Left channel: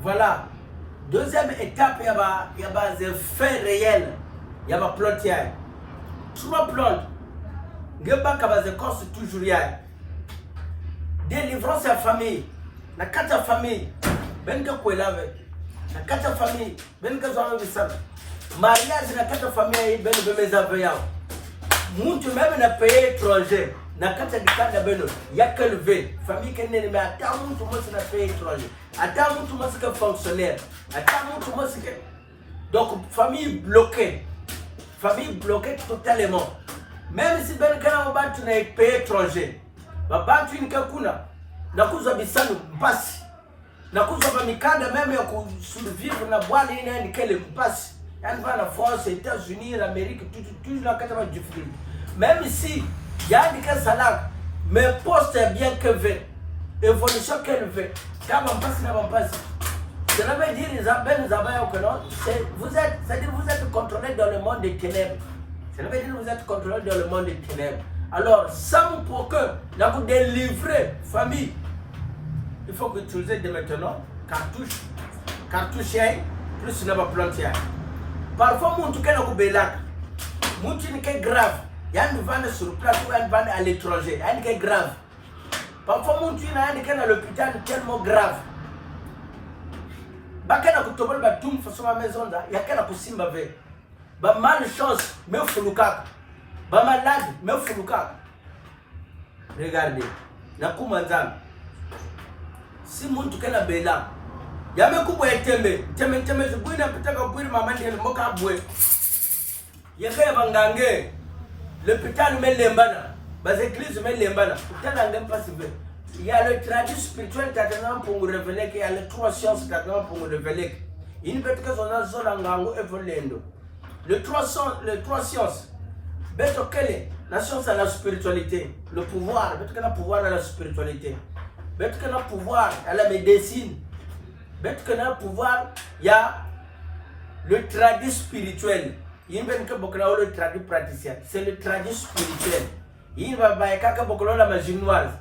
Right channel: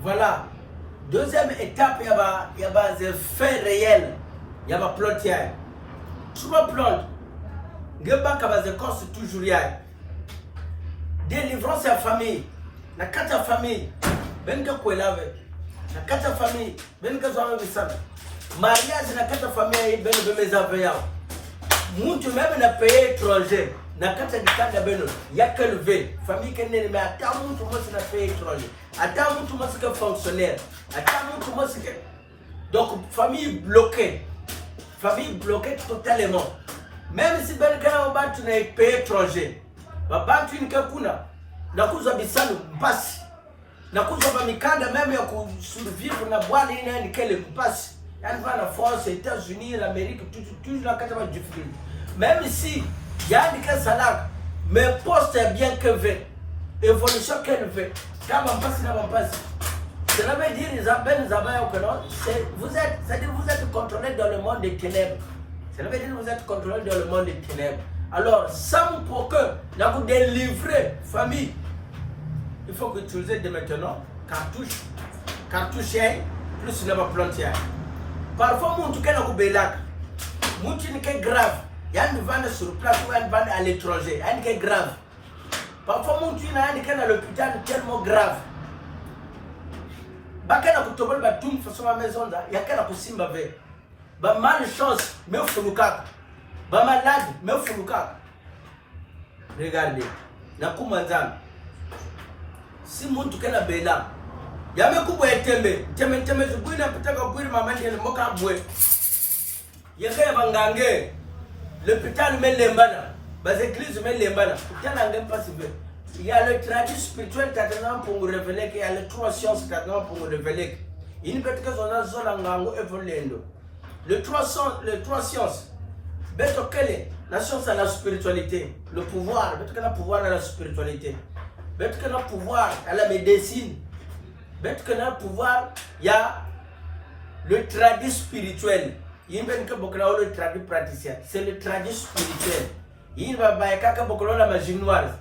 Voilà. Deuxième étape, il y a des faits réels. Il y a des plot. Trois plots. Il y a des causes toujours. Délivrance à famille. La quatre famille. Ben que quoi là la quatre famille. Ben que ça va mariage la quatre famille. Ben que mes aveux. Moun tu même n'a payé étranger. Na kata kitanda beno ya kelve famille kenene mais ata muntu mosi na payé étranger ata muntu mosi que fonctionnaire ata muntu mosi que donc famille bloquée totalement même si ben kana bantu na payé étranger ba bantu ni kakuna na kuza bisanu mpasi na kuza ba mikanda même ya ku survivre na bwala ina ni kele mpasi yani va la France États-Unis l'Amérique tout na kata ba difficulté même si Yannick Salak, mais poste bien que veut, évolution qu'elle veut. Quand on passe, là, on passe. Cela veut dire vous êtes contrôlé dans le monde des ténèbres. Cela veut dire que vous êtes contrôlé dans le monde des ténèbres. Alors, ça pour que vous délivrez famille, il faut que vous utilisez maintenant cartouche plus ne pas planter. Parfois, mon tout cas, vous bélac, mon tout est grave. Il y a une vente sur place ou une vente à l'étranger. Il y a une grave. Parfois, mon tuin a une à l'hôpital tellement grave. Bakana kutobol ba tum façon ma maison là, il y a qu'à la possible avec. Ba malchance, mais fuluka. Ba malade, mais fuluka. Regardez. Na kumanzana. Si mon tout cas la bela. Ya me kubwa etembe. Tembe zubwina pitaka bwiri mama ndiye moka bwe. Yakaya bangange. L'hôpital met les manas, les églises met les manas. Il y a le tradit spirituel pour nous révéler qu'il y a les trois sciences pour nous révéler. Il n'y a pas de les trois sciences. La science à la spiritualité, le pouvoir, le pouvoir à la spiritualité, le pouvoir à la médecine, le pouvoir, il y a le tradit spirituel. Il y a le traduit praticien, c'est le traduit spirituel. Il va y la magie noire.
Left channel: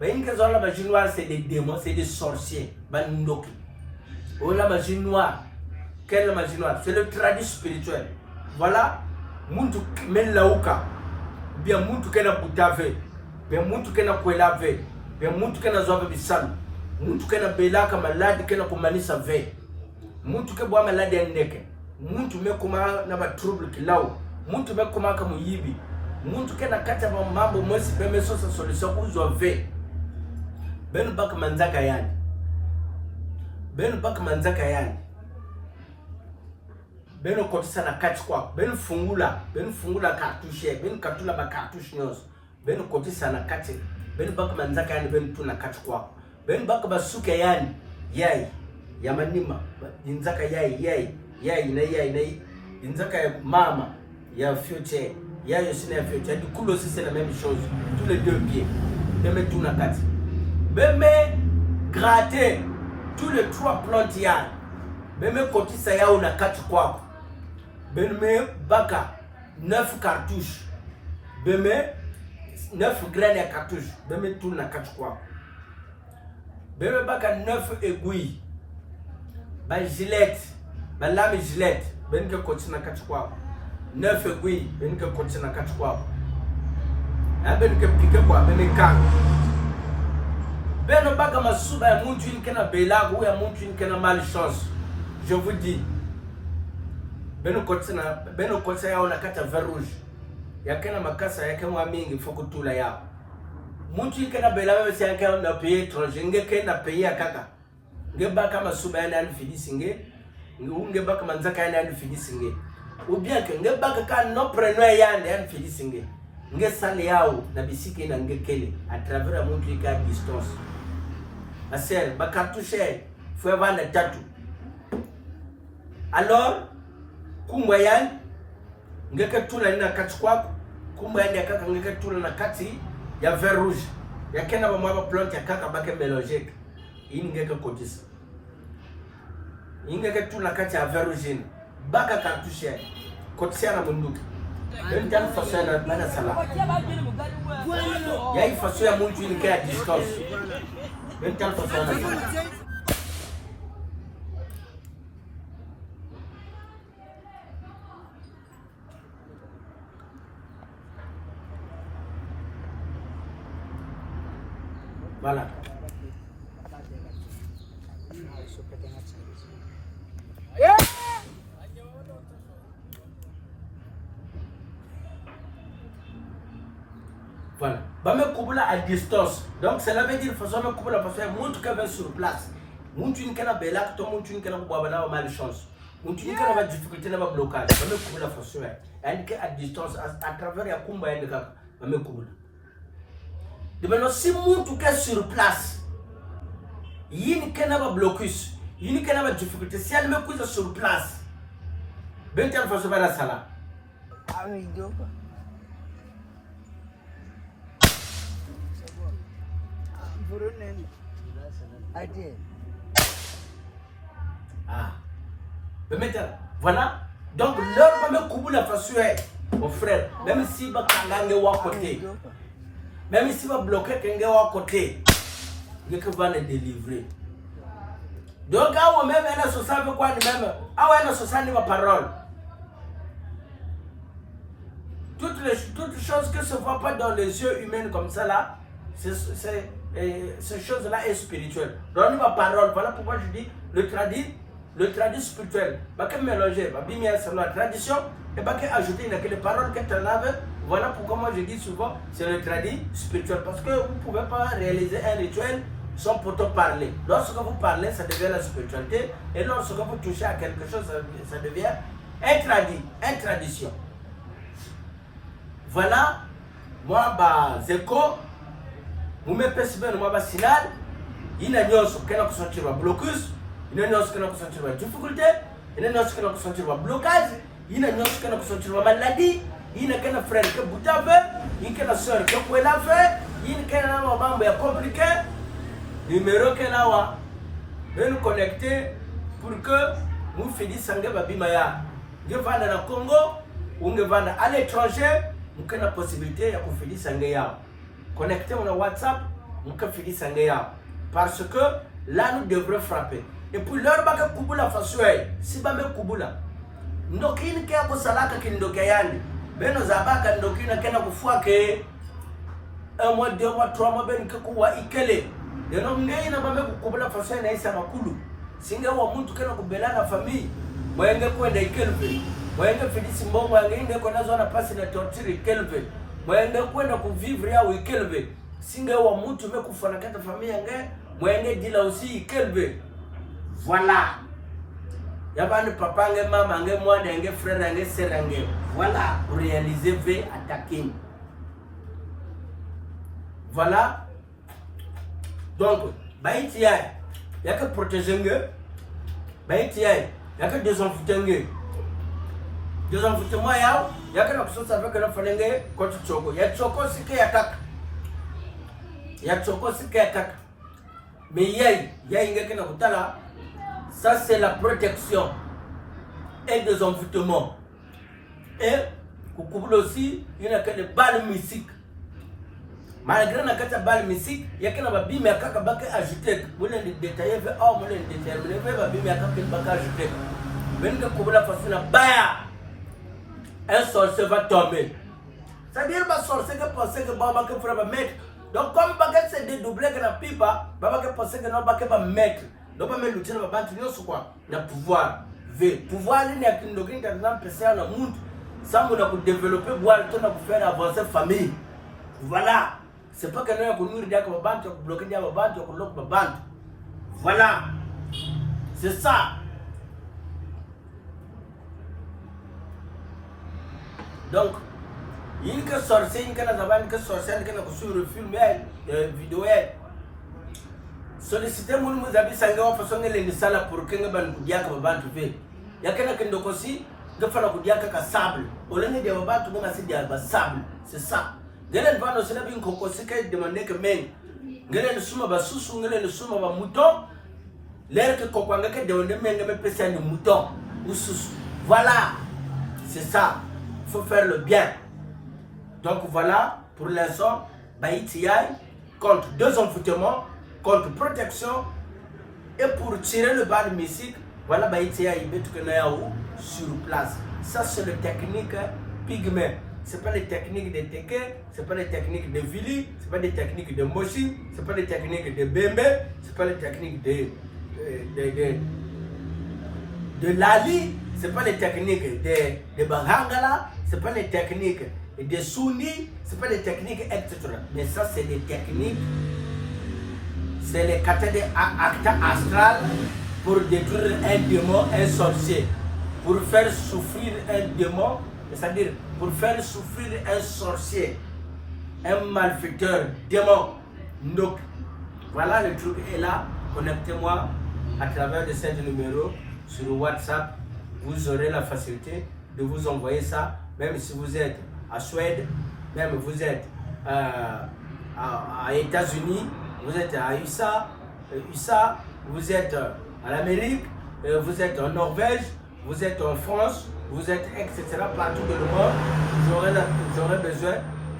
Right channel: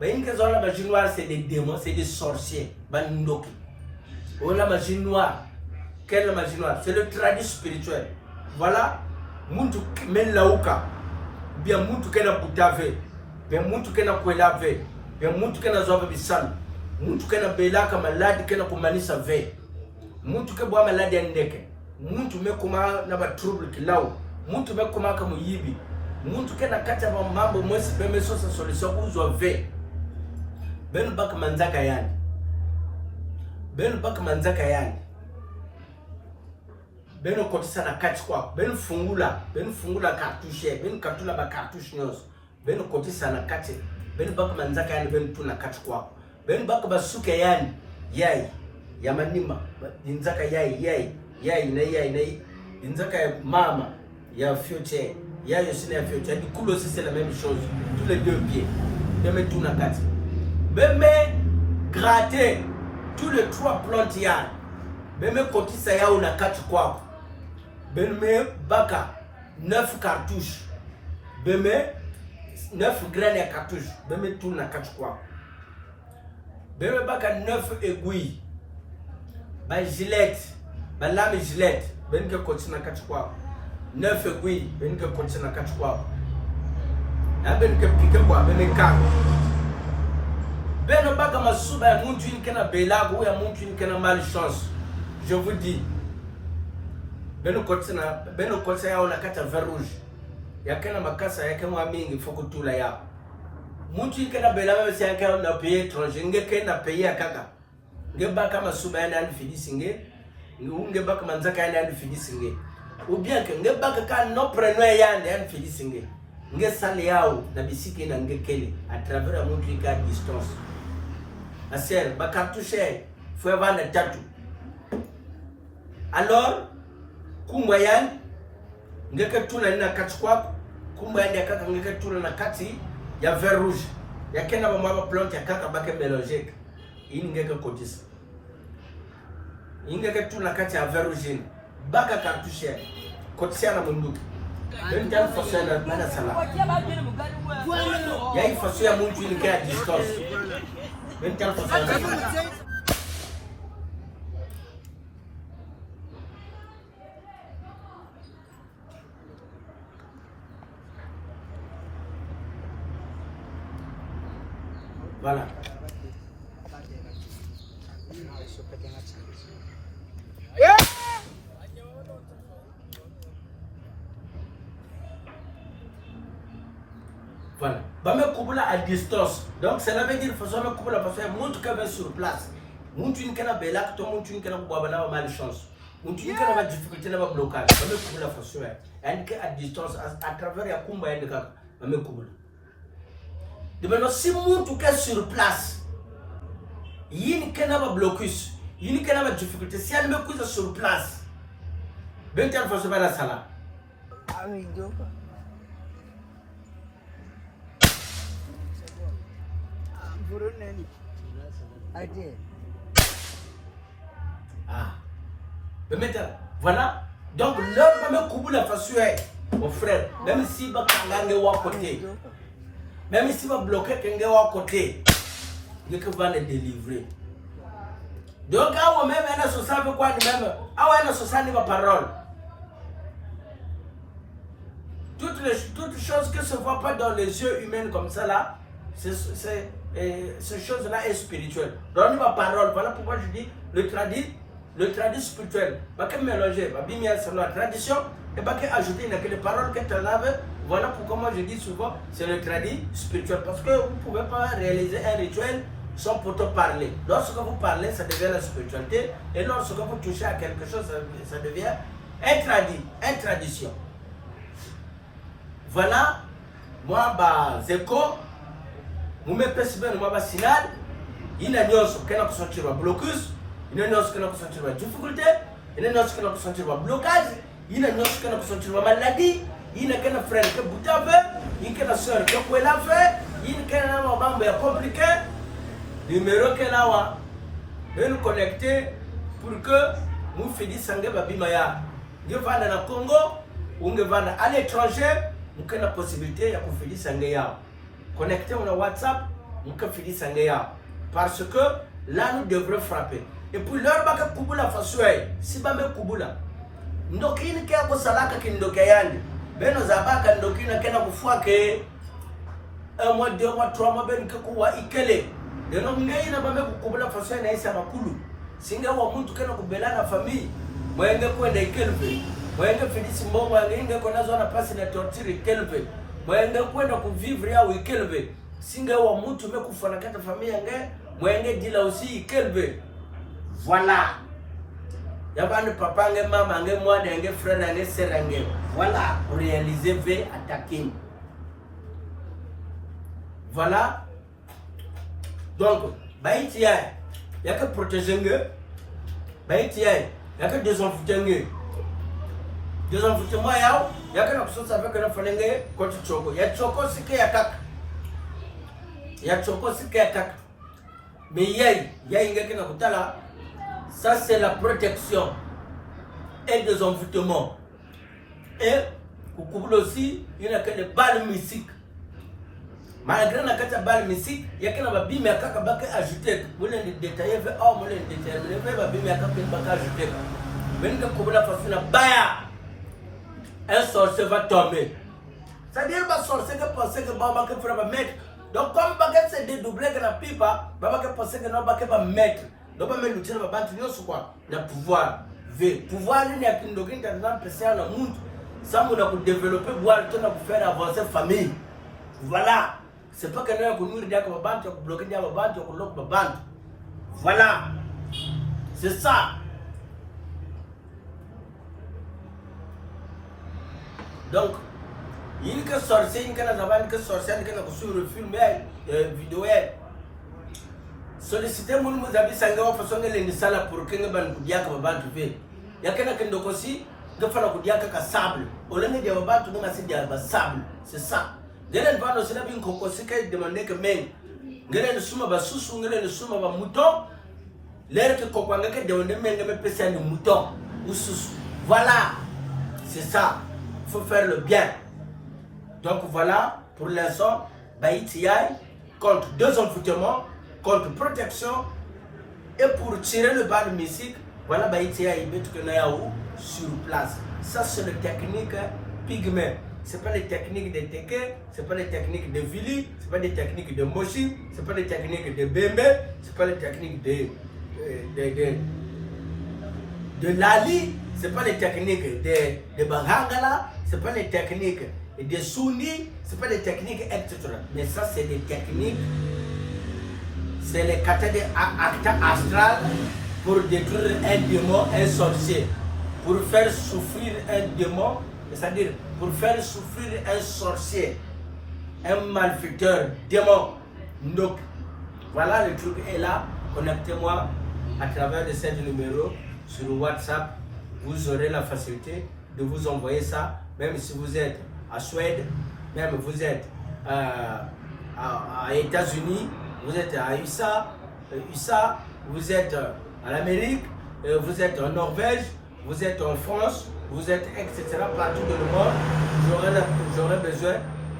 La magie noire, c'est des démons, c'est des sorciers. La magie noire, quelle est la magie noire? C'est le traduit spirituel. Voilà, muntu melauka, bien muntu kena putave, bien muntu kena kwelave, bien muntu kena zobe bisal, muntu kena belaka maladi kena kumanisa ve, muntu ke boa maladi ndeke. Muntu mekuma na ba trouble kilao muntu mekuma kama yibi muntu kena kata ba mambo mosi beme sosa solution uzwa ve benu bak manzaka yani benu kotisa na kati kwa benu fungula cartouche benu katula ba cartouche nyos benu kotisa na kati benu bak manzaka yani benu tuna kati kwa benu bak basuke yani yai ya manima inzaka yai inzaka ya mama ya future ya yosina ya future du coup aussi c'est la même chose tous les deux pieds même tout na kati même gratter tous les trois plantes ya même côté ça ya na kati kwa même baka 9 cartouches même 9 graines ya cartouche même tout na kati kwa même baka 9 aiguilles ba gilette ba lame gilette ben que continue na kati kwa 9 aiguilles ben que continue na kati kwa ben que pique kwa ben ka ben baga masuba ya muntu ni kana belago ya muntu ni kana malchance je vous dis ben continue ya ona kata vert rouge ya kana makasa ya kama mingi fokutula ya muntu ni kana belago si yakana na pays étranger ngeke na pays akaka ngeba kama suba ya nani filisinge ngeba kama nzaka ya nani filisinge ou bien que ngeba ka no preneur ya nani filisinge nge sale yao na bisiki na ngekele à travers mon truc à distance la sœur ba cartouche faut vendre tatu alors kumba yan ngeke tuna na kati kwa kumba yan yakaka ngeke tuna na kati ya vert rouge yakena ba mama plante yakaka bake mélanger ingeke kotisa ingeke tuna kati ya vert rouge baka cartouche kotisa na munduki ben tan façon na bana sala yayi façon ya muntu ni ka distance ben tan façon Voilà. Voilà. Bame Kubula à distance. Donc cela veut dire que façon Kubula parce que montre qu'elle va sur place. Montre une canne bella, tout montre une canne boabana malchance. Montre une canne difficulté dans le blocage. Bame Kubula façon. Elle est à distance à travers la Kumba et le Kaka. Bame Kubula. De maintenant si montre qu'elle sur place. Il y a une canne blocus. Il y a une canne difficulté. Si elle me couche sur place. Ben quelle façon va la salle. Ah oui, donc. Ah. Voilà. Donc, l'heure même coupe la façon, mon frère, même si va kangange wa côté, même si va bloquer kangange wa côté, il que va le délivrer. Donc, à même elle a ce ça quoi même, à elle a ce ça ma parole. Toutes choses que se voient pas dans les yeux humains comme ça là, ces choses-là est spirituelle. Donc ma parole, voilà pourquoi je dis le tradit spirituel. Pas que mélanger, pas bien sur la tradition et pas que ajouter les paroles que tu laves. Voilà pourquoi moi je dis souvent c'est le tradit spirituel parce que vous ne pouvez pas réaliser un rituel sans pourtant parler. Lorsque vous parlez, ça devient la spiritualité et lorsque vous touchez à quelque chose, ça devient une tradition. Voilà, moi Zeko. Vous me percevez le moment sinal, il y a des choses qui sont sentir un blocus, il y a des choses qui sont sentir une difficulté, il y a des choses qui sont sentir un blocage, il y a des choses qui sont sentir une maladie, il y a des frères qui boutent un peu, il y a des soeurs qui ont la fait, il y a des membres compliqués, numéro que là, de nous connecter pour que nous fassions des babimaya. Nous vendre dans le Congo, ou nous vendre à l'étranger, nous avons la possibilité de faire des choses. Connectez mon WhatsApp, nous pouvons faire ça. Parce que là, nous devrons frapper. Et puis, l'heure où nous avons la façon, si nous avons Kubula, nous avons fait un salaka qui nous a fait. Mais nous avons fait un mois, 2 mois, 3 mois, nous avons fait et nous avons fait Kubula façon, nous avons fait Makulu. Si nous avons fait la famille, nous avons fait Kelve. Nous avons fait Simbo, nous avons fait la torture Kelve. Mwenge kwenda kuvivre ya Kelve singa wa mtu mekufana kata familia nge mwenge dila usi Kelve. Voilà. Yabani papa nge mama nge mwana nge frère nge sœur nge. Voilà, pour réaliser ve attaquer. Voilà. Donc, baïti yaka protéger nge. Baïti yaka désenfouter nge. Désenfouter moi yao. Yaka na kusosa avec la falenge koti choko. Ya choko sike ya kaka. Ya choko sike ya kaka. Mais yai ngeke na kutala. Ça c'est la protection et des envoûtements. Et kukubula aussi, il y a que des balles mystiques. Malgré la carte balle mystique, il y a que la bime à kaka baka ajouté. Vous les détailler, oh, vous les déterminer, la bime à kaka baka ajouté. Mais nous kukubula façon baya. Un sorcier va tomber. C'est-à-dire que le sorcier qui pense que Baba va mettre. Donc, comme Baba s'est dédoublé que la pipa, Baba pense que non, Baba va mettre. Donc, Baba nous tient Baba qui nous quoi. Le pouvoir. Le pouvoir, il y a qu'une logique qui est appréciée dans le monde. Ça, on a développé, voir le temps pour faire avancer la famille. Voilà. C'est pas que nous avons dit que Baba va bloquer Baba, tu vas bloquer Baba. Voilà. C'est ça. Donc, il y a une sorcière, il y a une sorcière, il y a une film, vidéo. Sollicitez mon nous avez sangé en façon de l'indispensable pour que nous puissions faire il y a quelqu'un qui aussi, il faut que nous sable. Au lieu de faire tout le monde sable. C'est ça. Dès le temps, nous avons une cocosse qui demande que men, nous sommes à sous, nous sommes à mouton. L'air que cocoanga qui demande men, nous sommes à mouton ou sous. Voilà. C'est ça. Il faut faire le bien. Donc voilà, pour l'instant, Baïti contre 2 envoûtements, contre protection et pour tirer le bas de mystique, voilà Baïti sur place. Ça c'est la technique pygmée. Ce n'est pas les techniques de Teke, ce n'est pas les techniques de Vili, ce n'est pas les techniques de Moshi, ce n'est pas les techniques de Bembe, ce n'est pas les techniques de Lali, ce n'est pas les techniques de Bahangala, ce n'est pas les techniques de Souni, ce n'est pas les techniques, etc. Mais ça, c'est des techniques, c'est les cathèdres acta astral pour détruire un démon, un sorcier, pour faire souffrir un démon, c'est-à-dire pour faire souffrir un sorcier, un malfaiteur, démon. Donc, voilà, le truc est là. Connectez-moi à travers de ce numéro sur WhatsApp. Vous aurez la facilité de vous envoyer ça, même si vous êtes à Suède, même vous êtes à États-Unis, vous êtes à USA, vous êtes à l'Amérique, vous êtes en Norvège, vous êtes en France, vous êtes etc. partout dans le monde. J'aurai besoin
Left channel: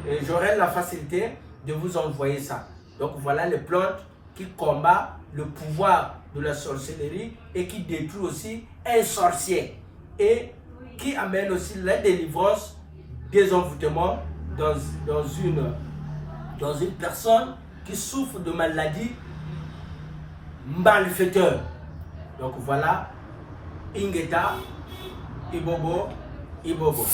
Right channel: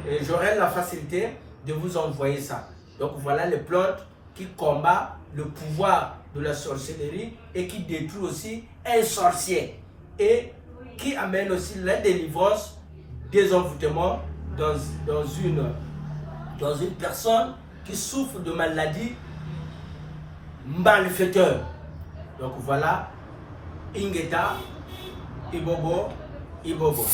et j'aurai la facilité de vous envoyer ça. Donc voilà les plantes qui combattent le pouvoir de la sorcellerie et qui détruit aussi un sorcier et qui amène aussi la délivrance des envoûtements dans une personne qui souffre de maladie malfaiteur. Donc voilà, Ingeta, Ibobo, Ibobo.